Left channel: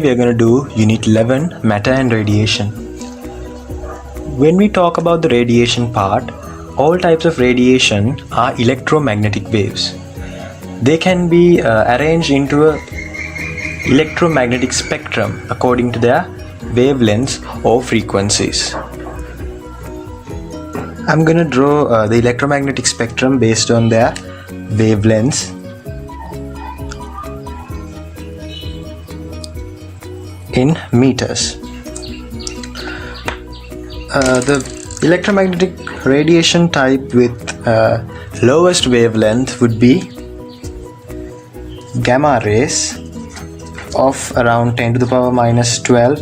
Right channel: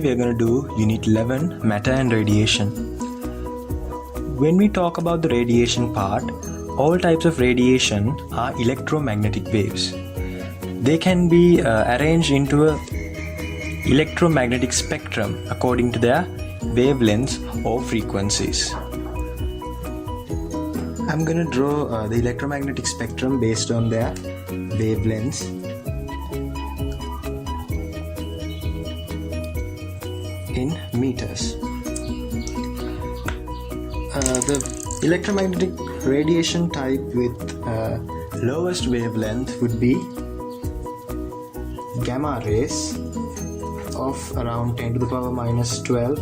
Today we are going to do Unit 11, Matter and Radiation. When we talk about the radiation part, all types of radiation are electromagnetic waves. They can be arranged into an electromagnetic spectrum according to their wavelengths or frequencies. I'm going to draw the electromagnetic spectrum based on their wavelengths. In meters. The electromagnetic radiation type with lowest wavelength would be gamma rays of around 10 to the power minus 12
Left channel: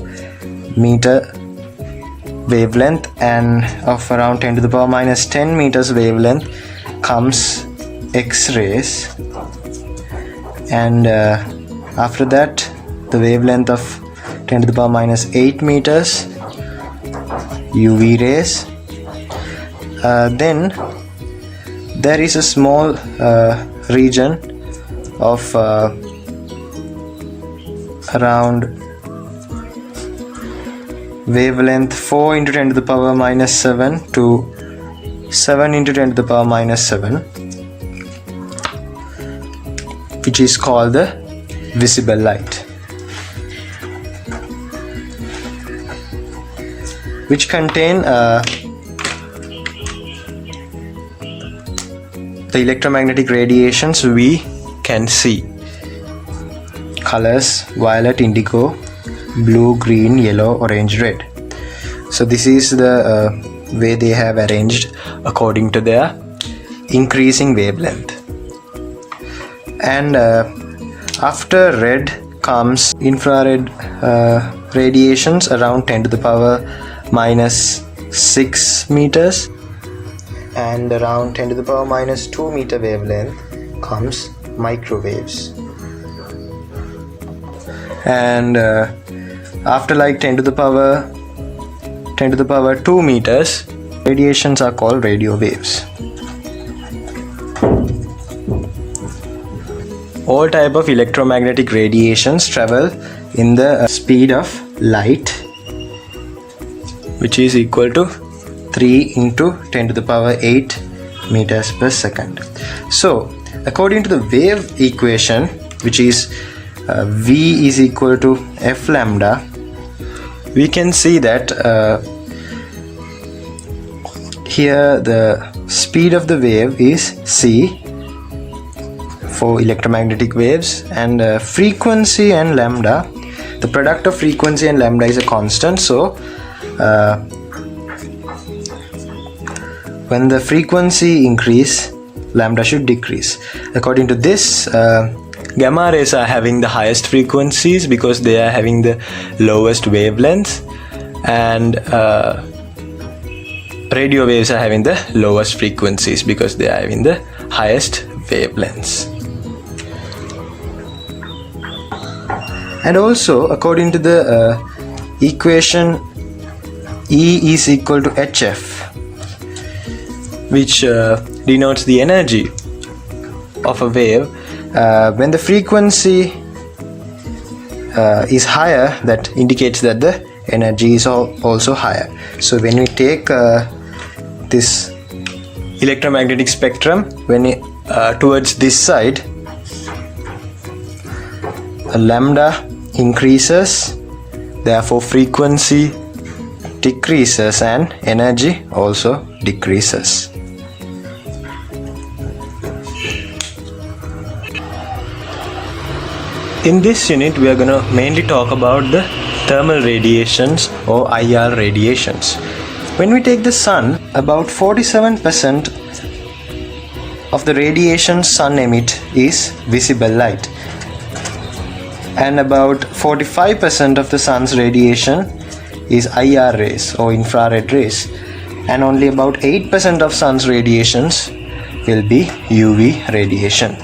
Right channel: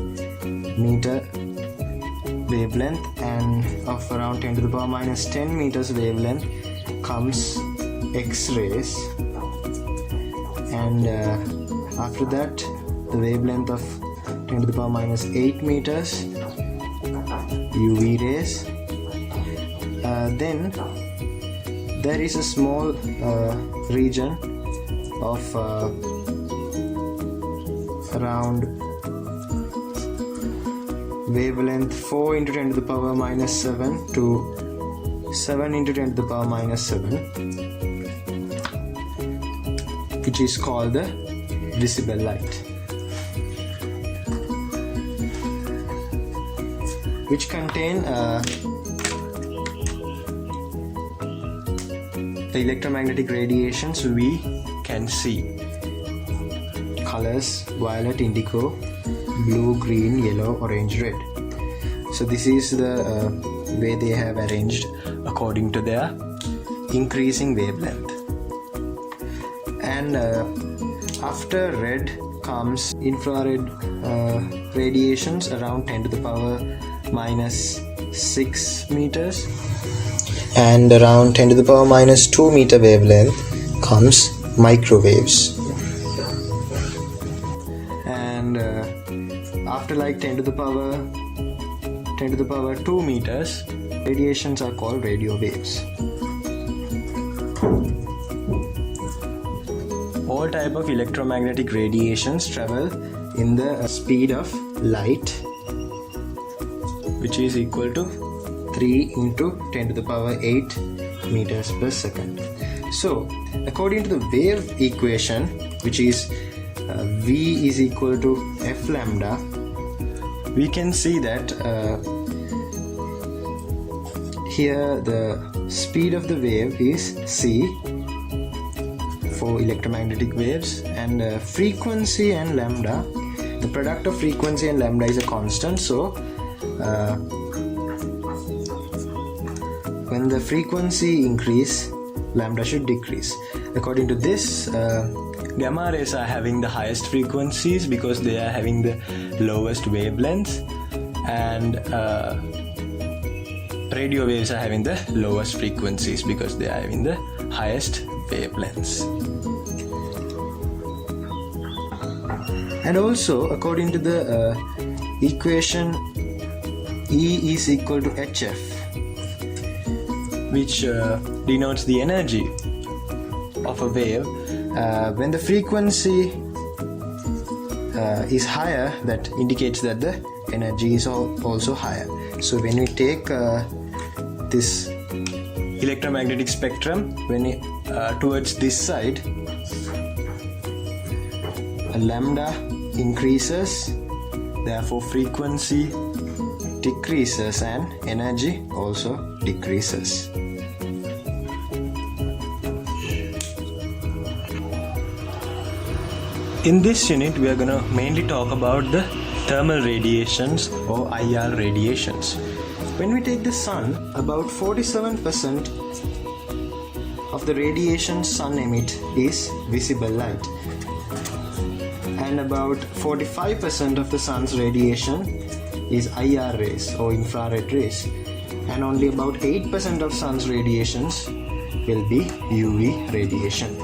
meter wavelength, and of around 10 to the power minus 10 meters wavelength comes X-rays, and after that the wavelength of 10 to the power minus 8 meters UV rays. Then there is a small region of around wavelength 4 into 10 to the power minus 7 to 7 into 10 to the power minus 7, which is called the visible light, which contain the electromagnetic radiations we can see. Colors: violet, indigo, blue, green, yellow, orange, red. So this is the way they have arranged according to their increasing wavelength. And after red comes infrared radiations around 10 to the power minus 6 meters, and around 10 to the power minus 2 meter wavelength comes microwaves. And after like 10 to the power 2 meters, radiations are called radio waves. All type of electromagnetic radiations travel in the speed of light, which is equal to 3 into 10 to the power 8 meters per second. So according to the wave equation, which is V is equal to F lambda, we can see that here the speed of the wave is C for electromagnetic waves, and frequency and lambda, the product of frequency and lambda is a constant. So when the frequency increase, lambda should decrease. According to this, gamma rays are having the highest frequencies because they are having the lowest wavelengths, and radio waves are having the lowest frequencies because they are having the highest wavelengths. And also according to the equation E is equal to HF, which denotes the energy of a wave. When the frequency is higher, that indicates that the energy is also higher. So when we take this electromagnetic spectrum, when towards this side, lambda increases, therefore frequency decreases and energy also decreases. In this unit, we are going to mainly talk about the thermal radiations or IR radiations. When we take the sun, about 47% of the radiation sun emits is visible light, and about 45% of the sun's radiation is IR rays or infrared rays, and only about 8% of sun's radiations will be UV radiation.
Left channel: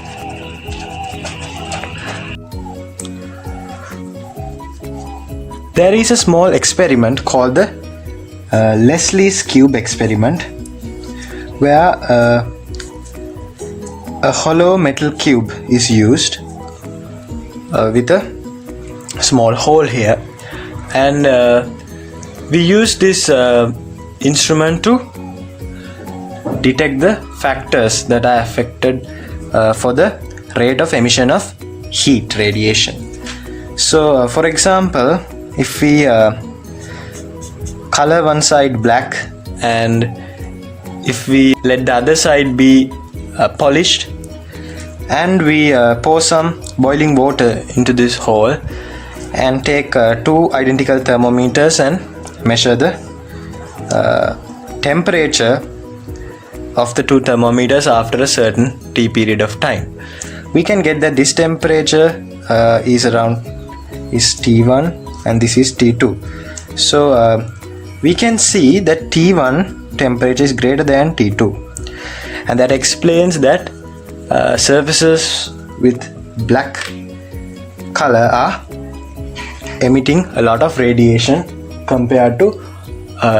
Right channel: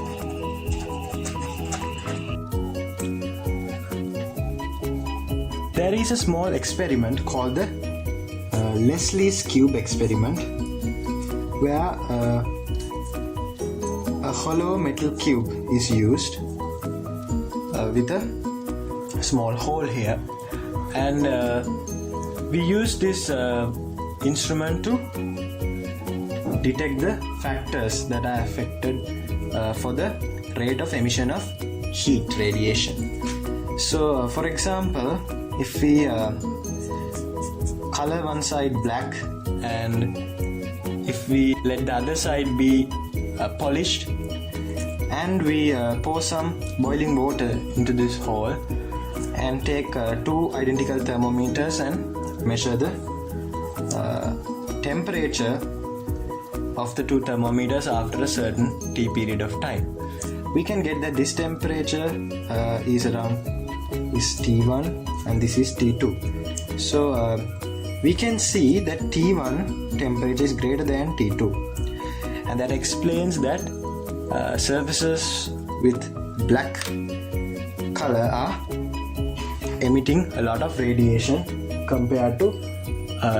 There is a small experiment called the Leslie's cube experiment, where a hollow metal cube is used with a small hole here, and we use this instrument to detect the factors that are affected for the rate of emission of heat radiation. So for example, if we color one side black and if we let the other side be polished, and we pour some boiling water into this hole and take two identical thermometers and measure the temperature of the two thermometers after a certain t period of time, we can get that this temperature is T1 and this is T2. So we can see that T1 temperature is greater than T2, and that explains that surfaces with black color are emitting a lot of radiation compared to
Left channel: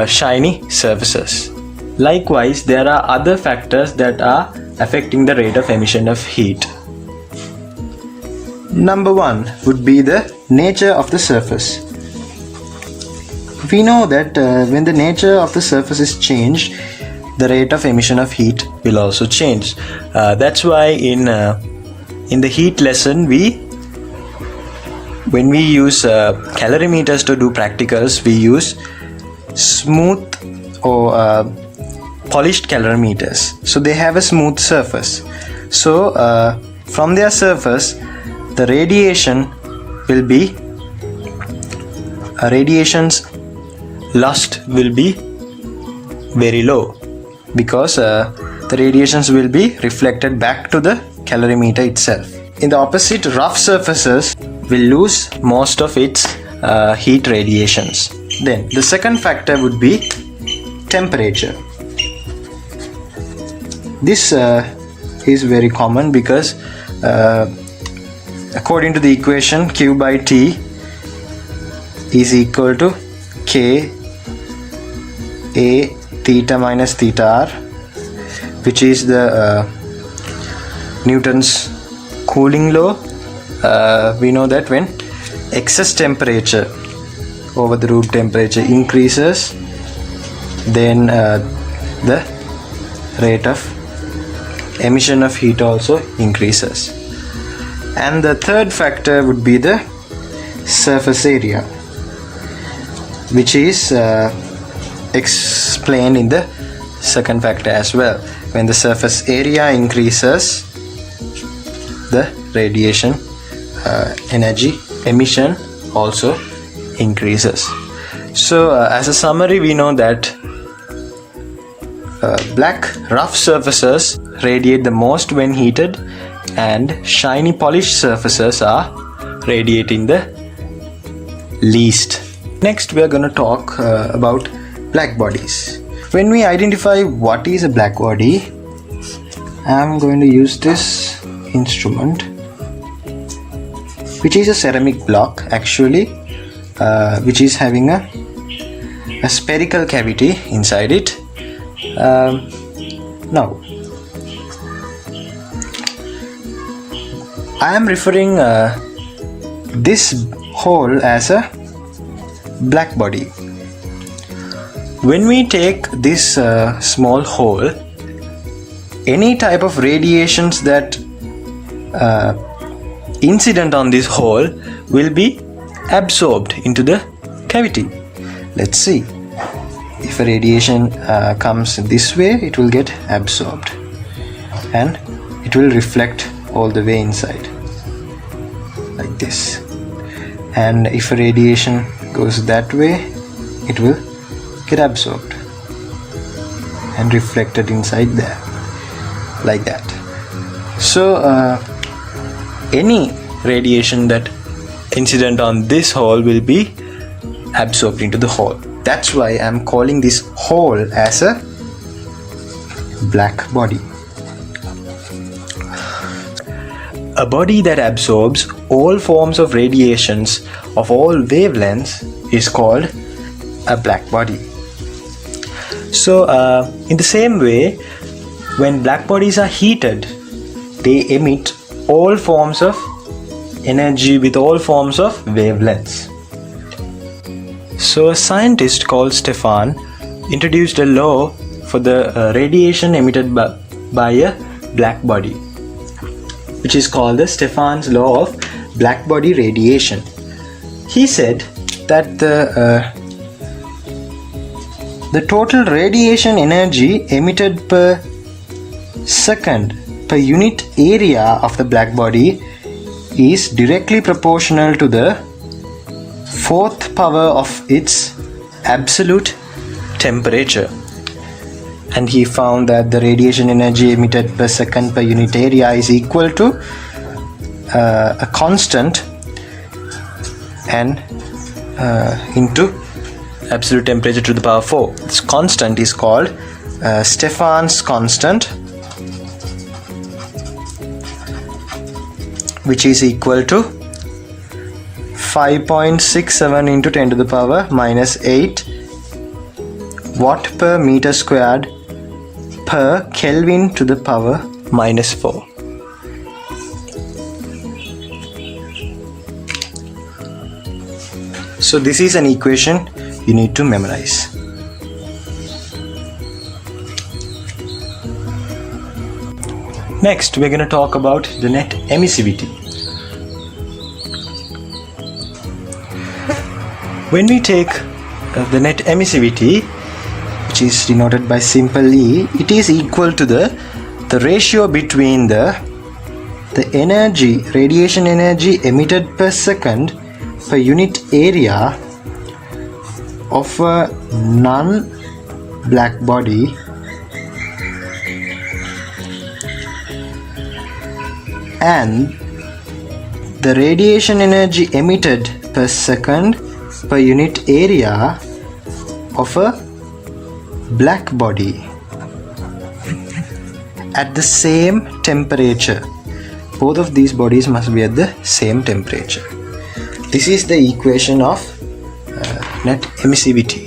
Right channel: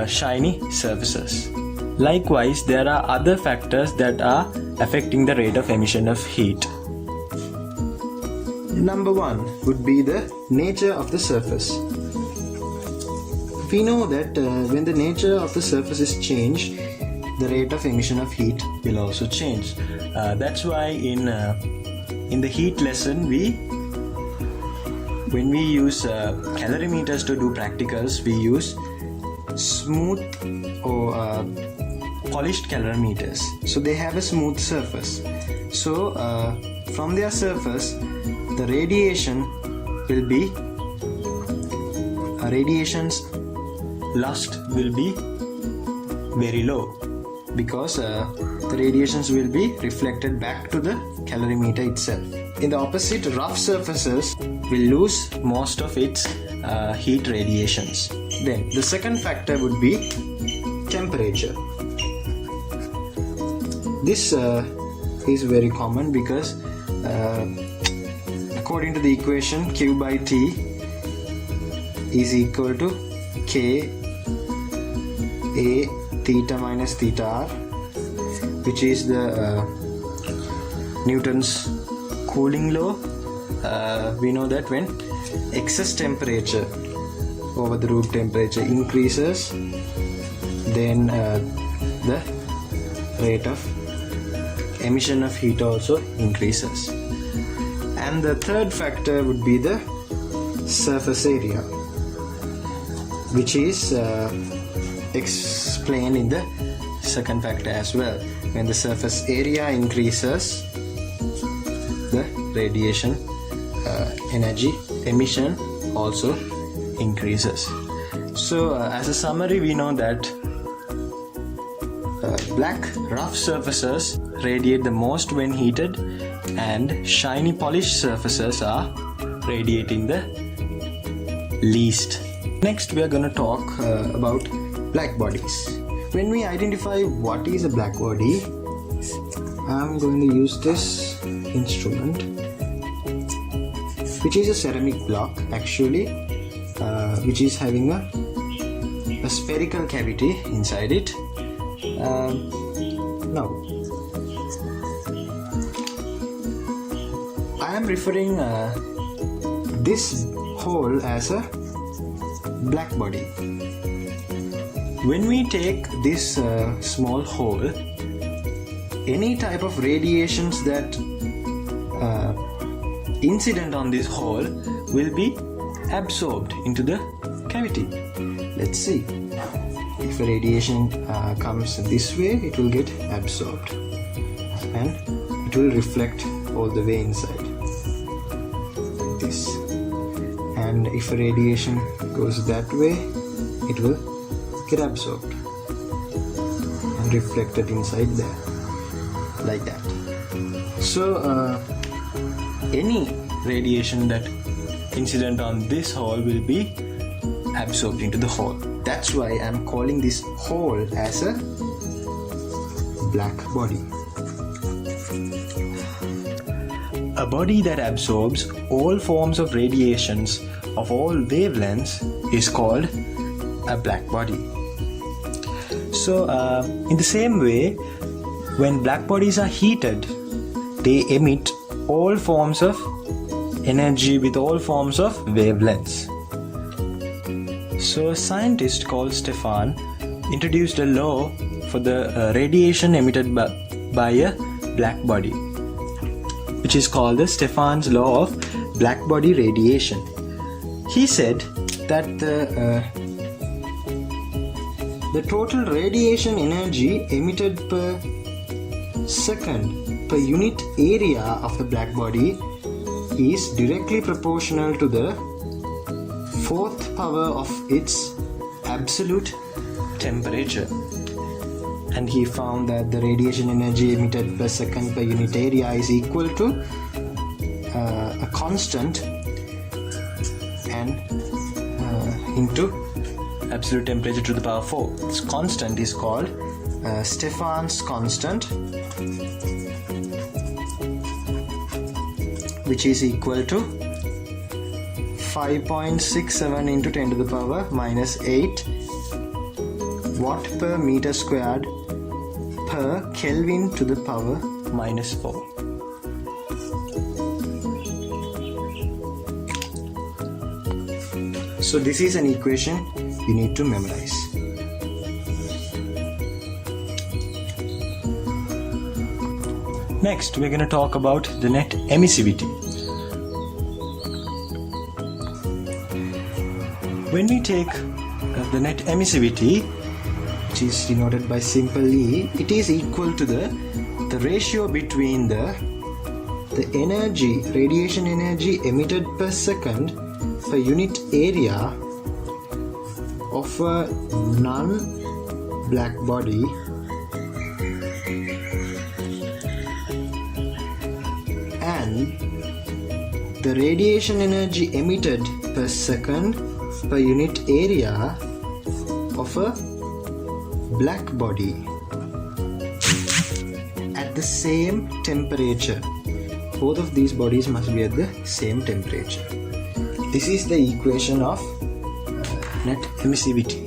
shiny surfaces. Likewise, there are other factors that are affecting the rate of emission of heat. Number one would be the nature of the surface. We know that when the nature of the surface is changed, the rate of emission of heat will also change. That's why in the heat lesson, when we use calorimeters to do practicals, we use smooth or polished calorimeters. So they have a smooth surface. So from their surface, the radiation will be radiation's loss will be very low, because the radiations will be reflected back to the calorimeter itself. In the opposite, rough surfaces will lose most of its heat radiations. Then the second factor would be temperature. This is very common because according to the equation, Q by T is equal to K A theta minus theta R, which is the Newton's cooling law. We know that when excess temperature over the room temperature increases, then the rate of emission of heat also increases. And the third factor would be the surface area, which is explained in the second factor as well. When the surface area increases, the radiation energy emission also increases. So as a summary, we know that black rough surfaces radiate the most when heated, and shiny polished surfaces are radiating the least. Next, we are going to talk about black bodies. When we identify what is a black body, I am going to use this instrument, which is a ceramic block actually, which is having a spherical cavity inside it. Now, I am referring this hole as a black body. When we take this small hole, any type of radiations that incident on this hole will be absorbed into the cavity. Let's see. If a radiation comes this way, it will get absorbed and it will reflect all the way inside like this. And if a radiation goes that way, it will get absorbed and reflected inside there like that. So any radiation that incident on this hole will be absorbed into the hole. That's why I'm calling this hole as a black body. A body that absorbs all forms of radiations of all wavelengths is called a black body. So in the same way, when black bodies are heated, they emit all forms of energy with all forms of wavelengths. So a scientist called Stefan introduced a law for the radiation emitted by a black body, which is called the Stefans Law of black body radiation. He said that the total radiation energy emitted per second per unit area of the black body is directly proportional to the fourth power of its absolute temperature. And he found that the radiation energy emitted per second per unit area is equal to a constant and into absolute temperature to the power 4. This constant is called Stefan's constant, which is equal to 5.67 into 10 to the power minus 8 watt per meter squared per Kelvin to the power minus 4. So this is an equation you need to memorize. Next, we're going to talk about the net emissivity. When we take the net emissivity, which is denoted by simple E, it is equal to the ratio between the energy, radiation energy emitted per second per unit area of a non-black body and the radiation energy emitted per second per unit area of a black body at the same temperature. Both of these bodies must be at the same temperature. This is the equation of net emissivity.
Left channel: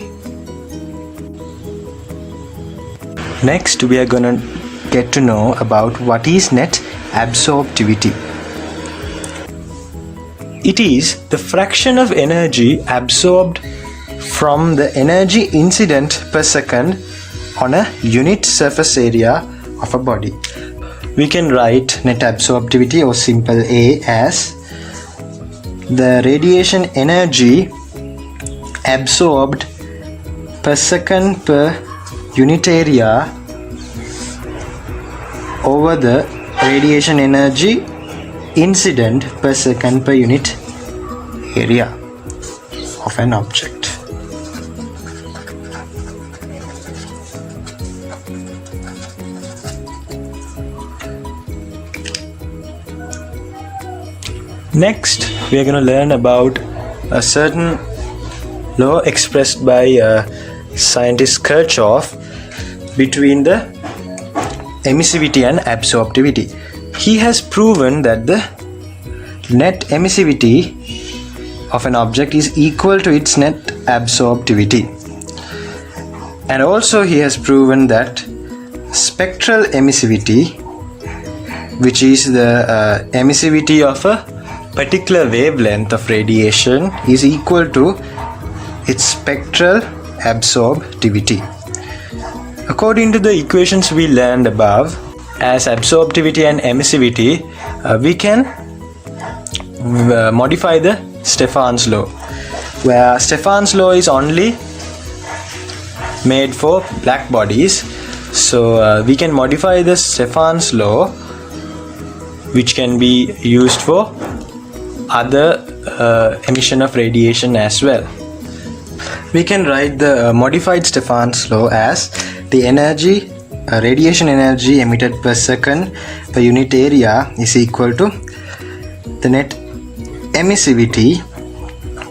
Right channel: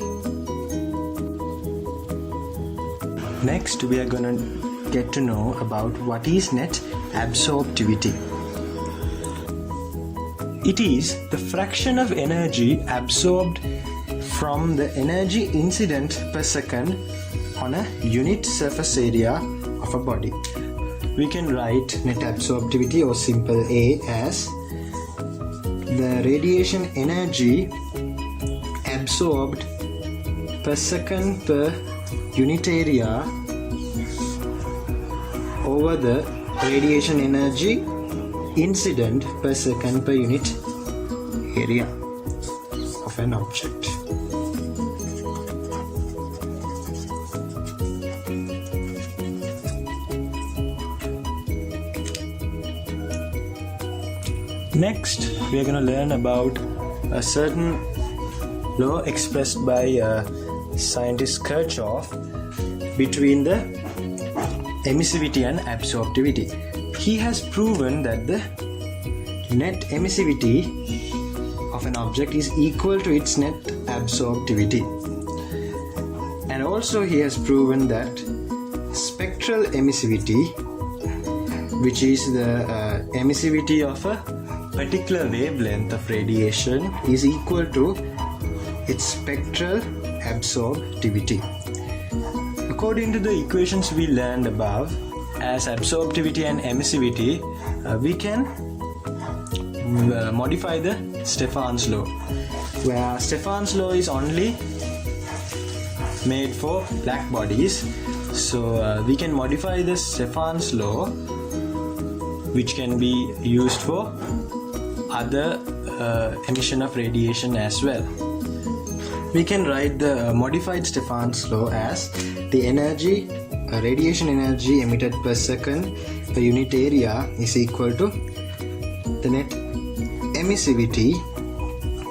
Next, we are going to get to know about what is net absorptivity. It is the fraction of energy absorbed from the energy incident per second on a unit surface area of a body. We can write net absorptivity, or simple A, as the radiation energy absorbed per second per unit area over the radiation energy incident per second per unit area of an object. Next, we are going to learn about a certain law expressed by scientist Kirchhoff between the emissivity and absorptivity. He has proven that the net emissivity of an object is equal to its net absorptivity. And also he has proven that spectral emissivity, which is the emissivity of a particular wavelength of radiation, is equal to its spectral absorptivity. According to the equations we learned above, as absorptivity and emissivity, we can modify the Stefans law, where Stefans law is only made for black bodies. So we can modify the Stefans law, which can be used for other emission of radiation as well. We can write the modified Stefans law as the energy, radiation energy emitted per second per unit area is equal to the net emissivity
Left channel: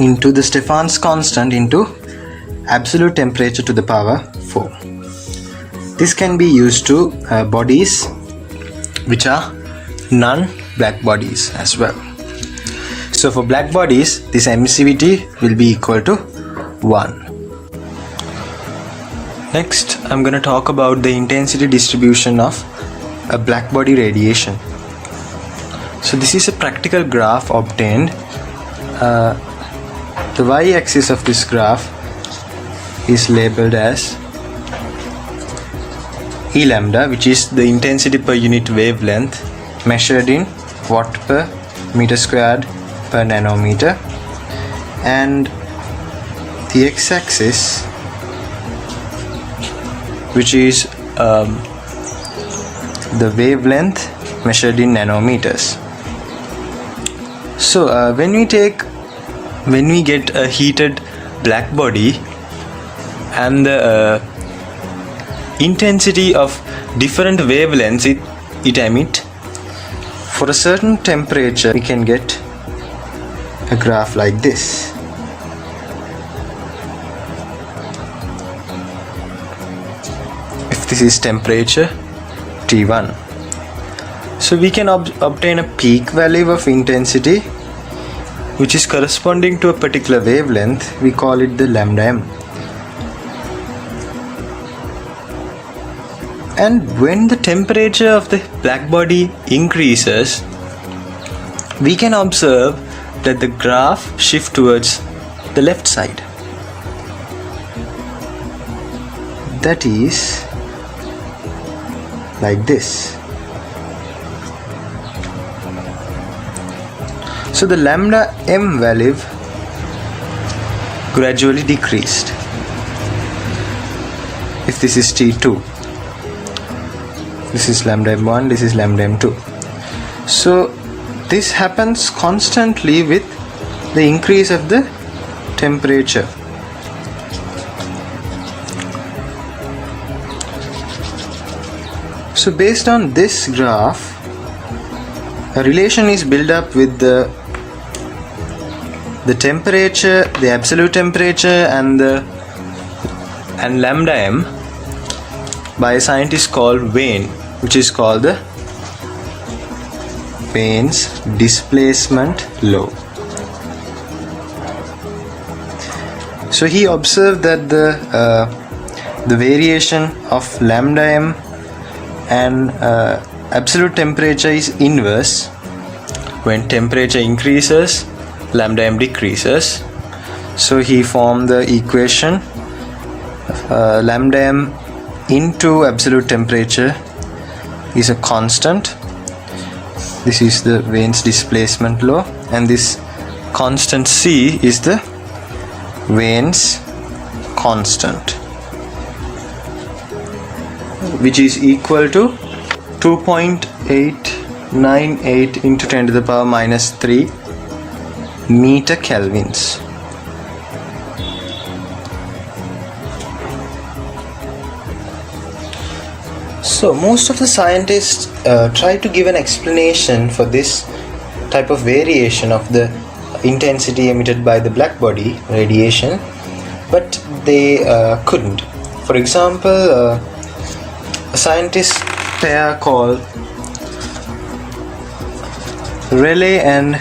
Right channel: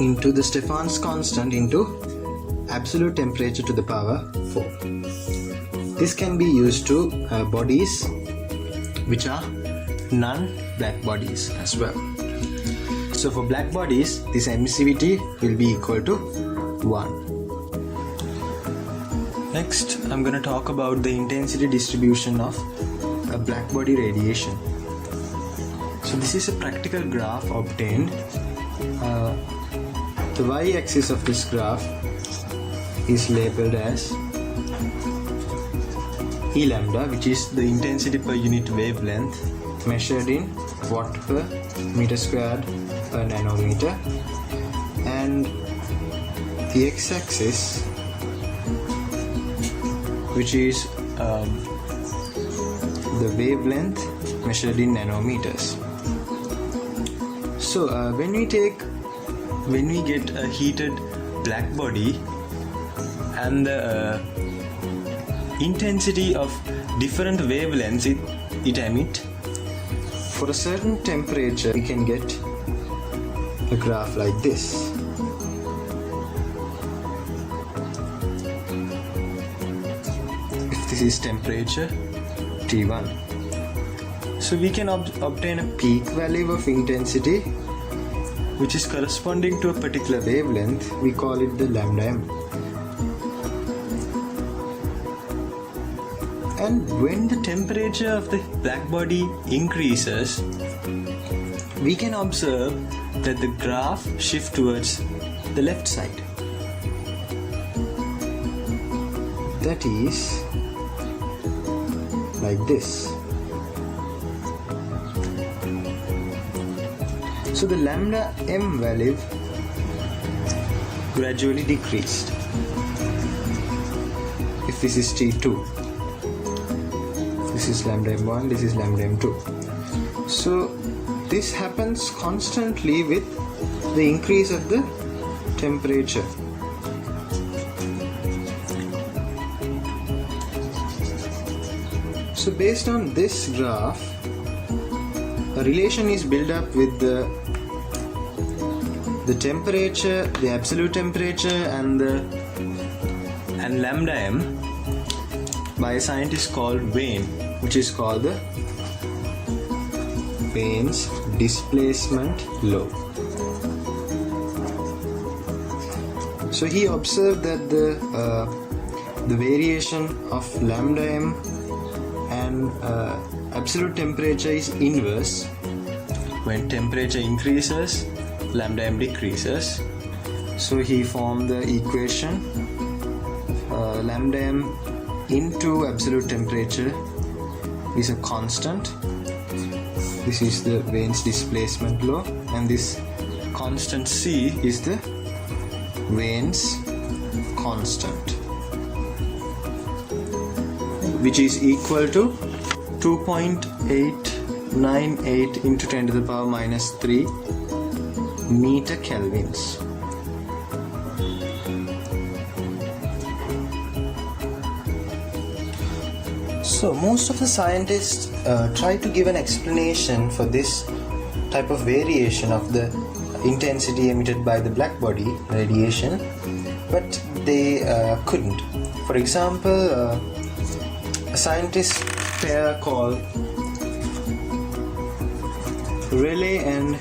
into the Stefan's constant into absolute temperature to the power 4. This can be used to bodies which are non-black bodies as well. So for black bodies, this emissivity will be equal to 1. Next, I'm going to talk about the intensity distribution of a black body radiation. So this is a practical graph obtained. The y-axis of this graph is labeled as E lambda, which is the intensity per unit wavelength measured in watt per meter squared per nanometer, and the x-axis, which is the wavelength measured in nanometers. So when we get a heated black body and the intensity of different wavelengths it emits, for a certain temperature we can get a graph like this. If this is temperature T1, so we can obtain a peak value of intensity which is corresponding to a particular wavelength. We call it the lambda m. And when the temperature of the black body increases, we can observe that the graph shifts towards the left side. That is like this. So the lambda m value gradually decreased. If this is T2, this is lambda m1, this is lambda m2. So this happens constantly with the increase of the temperature. So based on this graph, a relation is built up with the temperature, the absolute temperature, and lambda m by a scientist called Vane, which is called the Vane's displacement law. So he observed that the variation of lambda m and absolute temperature is inverse. When temperature increases, lambda m decreases. So he formed the equation lambda m into absolute temperature is a constant. This is the Vane's displacement law, and this constant C is the Vane's constant, which is equal to 2.898 into 10 to the power minus 3 meter kelvins. So most of the scientists try to give an explanation for this type of variation of the intensity emitted by the black body radiation, but they couldn't. For example, a scientist pair called Rayleigh and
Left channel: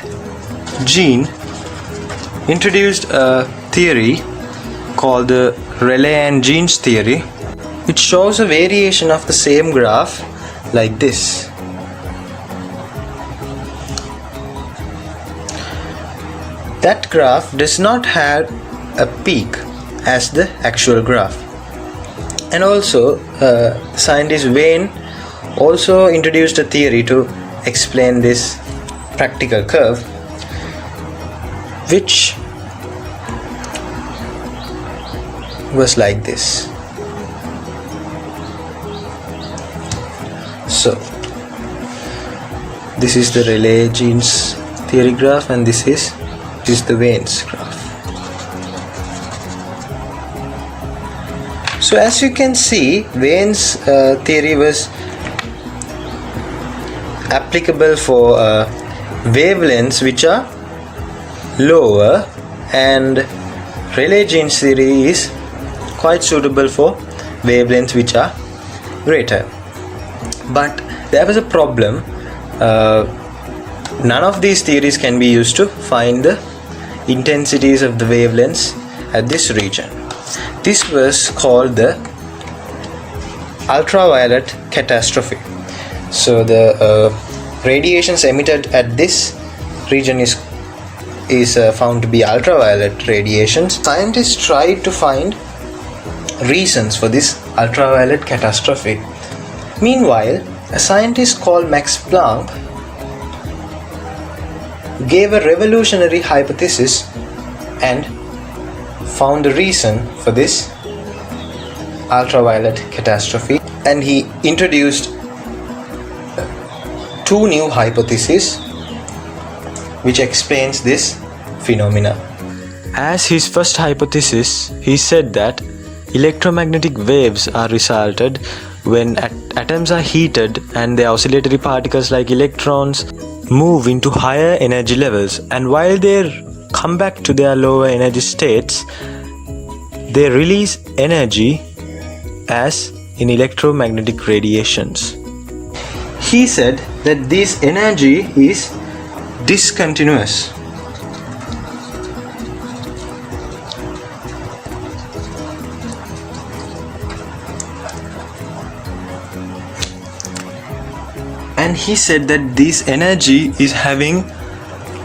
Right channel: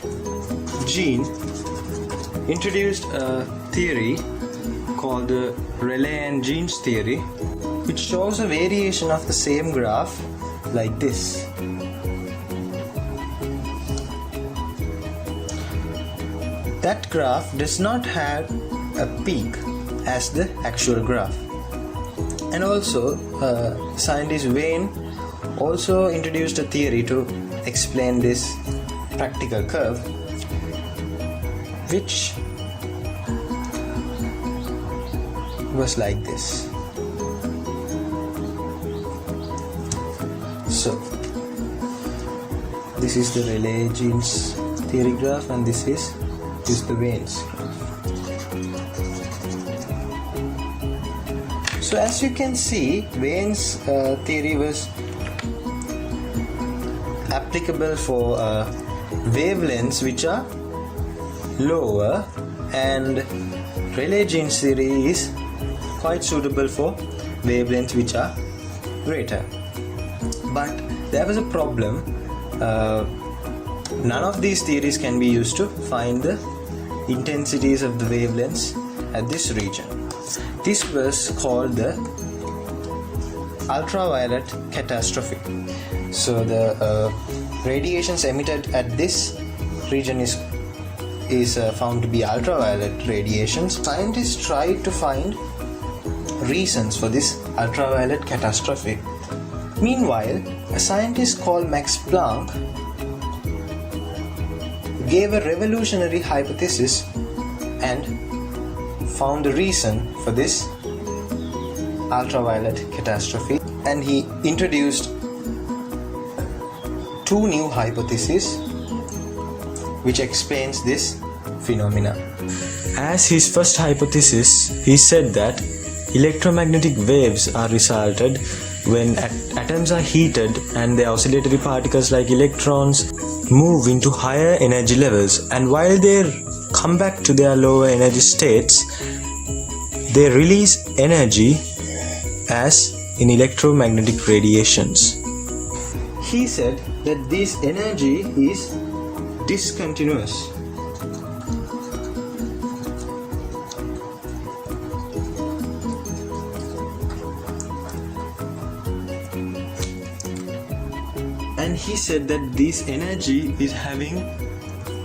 Jean introduced a theory called the Rayleigh and Jean's theory, which shows a variation of the same graph like this. That graph does not have a peak as the actual graph. And also scientist Vane also introduced a theory to explain this practical curve, which was like this. So this is the Rayleigh-Jean's theory graph, and this is the Vane's graph. So as you can see, Vane's theory was applicable for wavelengths which are lower, and Rayleigh-Jean's theory is quite suitable for wavelengths which are greater. But there was a problem. None of these theories can be used to find the intensities of the wavelengths at this region. This was called the ultraviolet catastrophe. So the radiations emitted at this region is found to be ultraviolet radiations. Scientists tried to find reasons for this ultraviolet catastrophe. Meanwhile, a scientist called Max Planck gave a revolutionary hypothesis and found a reason for this ultraviolet catastrophe, and he introduced two new hypotheses which explains this phenomena. As his first hypothesis, he said that electromagnetic waves are resulted when atoms are heated and their oscillatory particles like electrons move into higher energy levels, and while they come back to their lower energy states, they release energy as in electromagnetic radiations. He said that this energy is discontinuous. And he said that this energy is having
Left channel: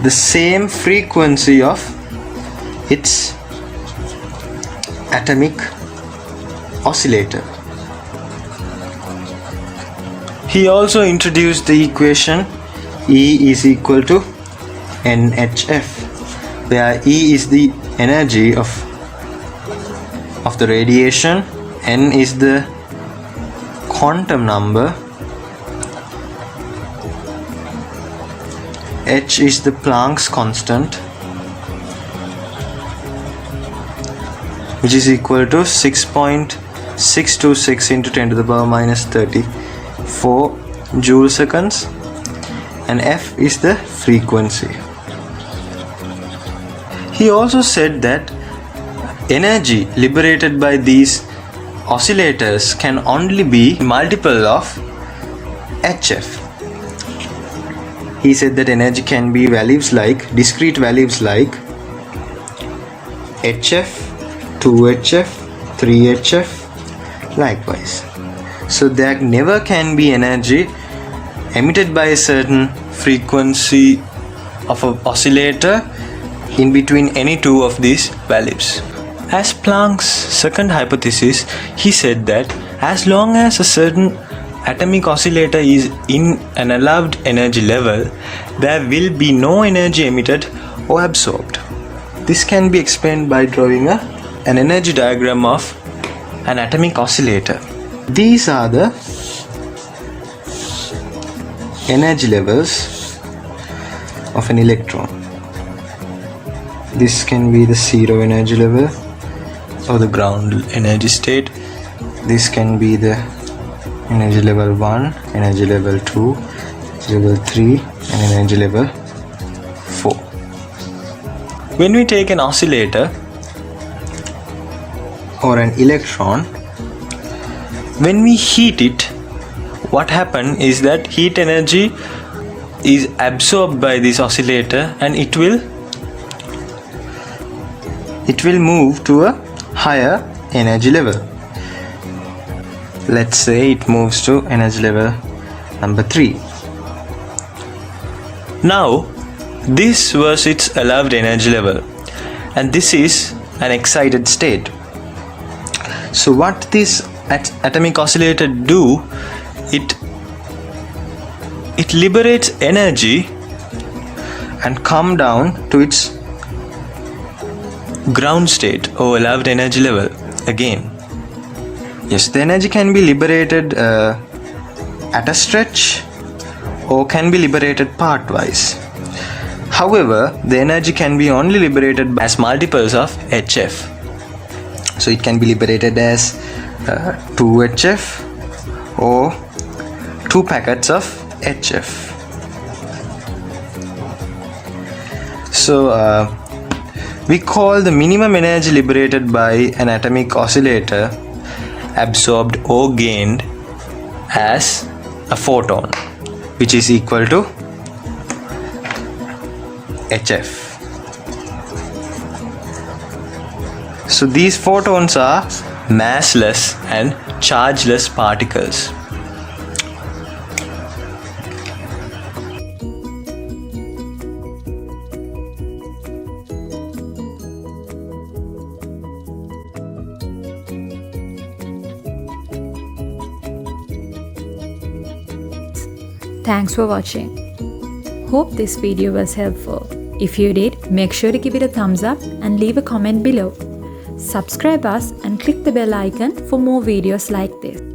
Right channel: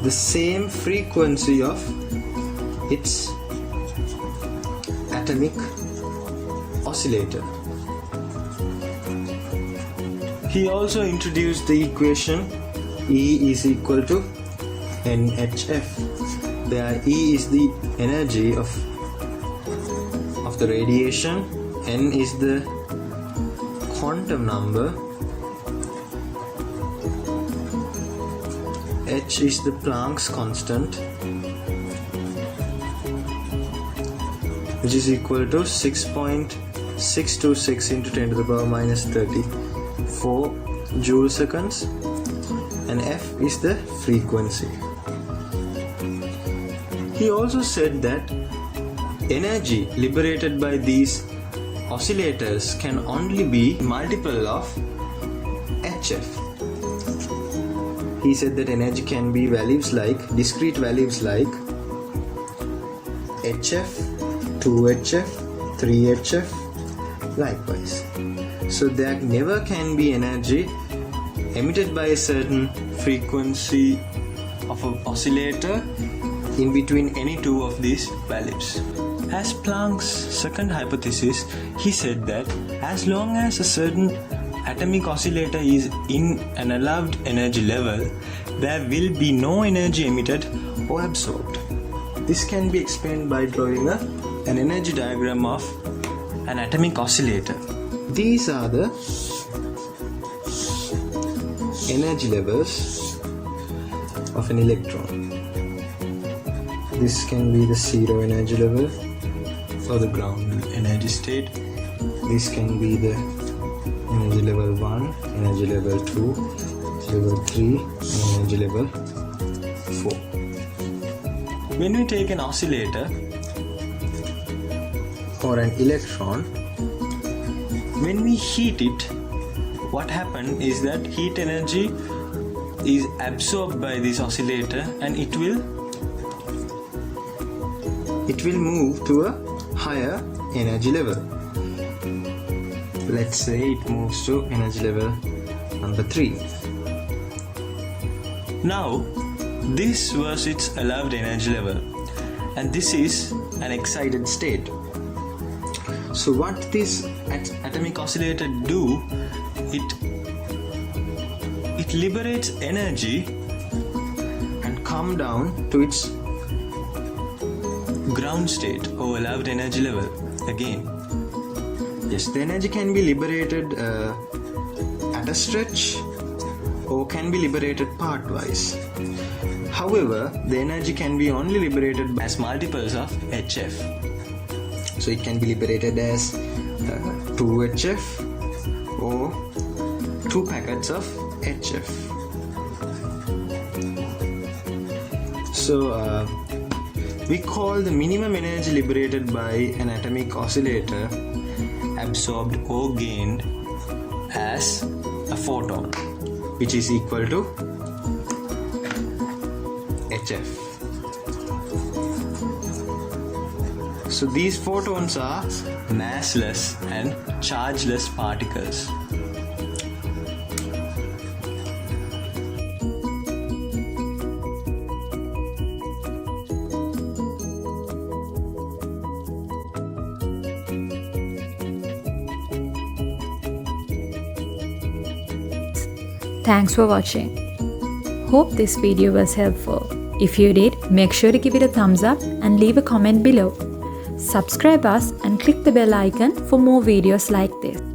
the same frequency of its atomic oscillator. He also introduced the equation E is equal to NHF, where E is the energy of the radiation, N is the quantum number, H is the Planck's constant, which is equal to 6.626 into 10 to the power minus 34 joule seconds, and F is the frequency. He also said that energy liberated by these oscillators can only be multiple of HF. He said that energy can be values like discrete values like HF, 2HF, 3HF, likewise. So there never can be energy emitted by a certain frequency of an oscillator in between any two of these values. As Planck's second hypothesis, he said that as long as a certain atomic oscillator is in an allowed energy level, there will be no energy emitted or absorbed. This can be explained by drawing an energy diagram of an atomic oscillator. These are the energy levels of an electron. This can be the zero energy level or the ground energy state. This can be the energy level 1, energy level 2, energy level 3 and energy level 4. When we take an oscillator or an electron, when we heat it, what happens is that heat energy is absorbed by this oscillator and it will move to a higher energy level. Let's say it moves to energy level number 3. Now this was its allowed energy level and this is an excited state. So what this atomic oscillator do, it liberates energy and come down to its ground state or allowed energy level again. Yes, the energy can be liberated at a stretch or can be liberated partwise. However, the energy can be only liberated as multiples of HF. So it can be liberated as 2HF or 2 packets of HF. So we call the minimum energy liberated by an atomic oscillator absorbed or gained as a photon, which is equal to HF. So these photons are massless and chargeless particles. Thanks for watching. Hope this video was helpful. If you did, make sure to give it a thumbs up and leave a comment below. Subscribe us and click the bell icon for more videos like this.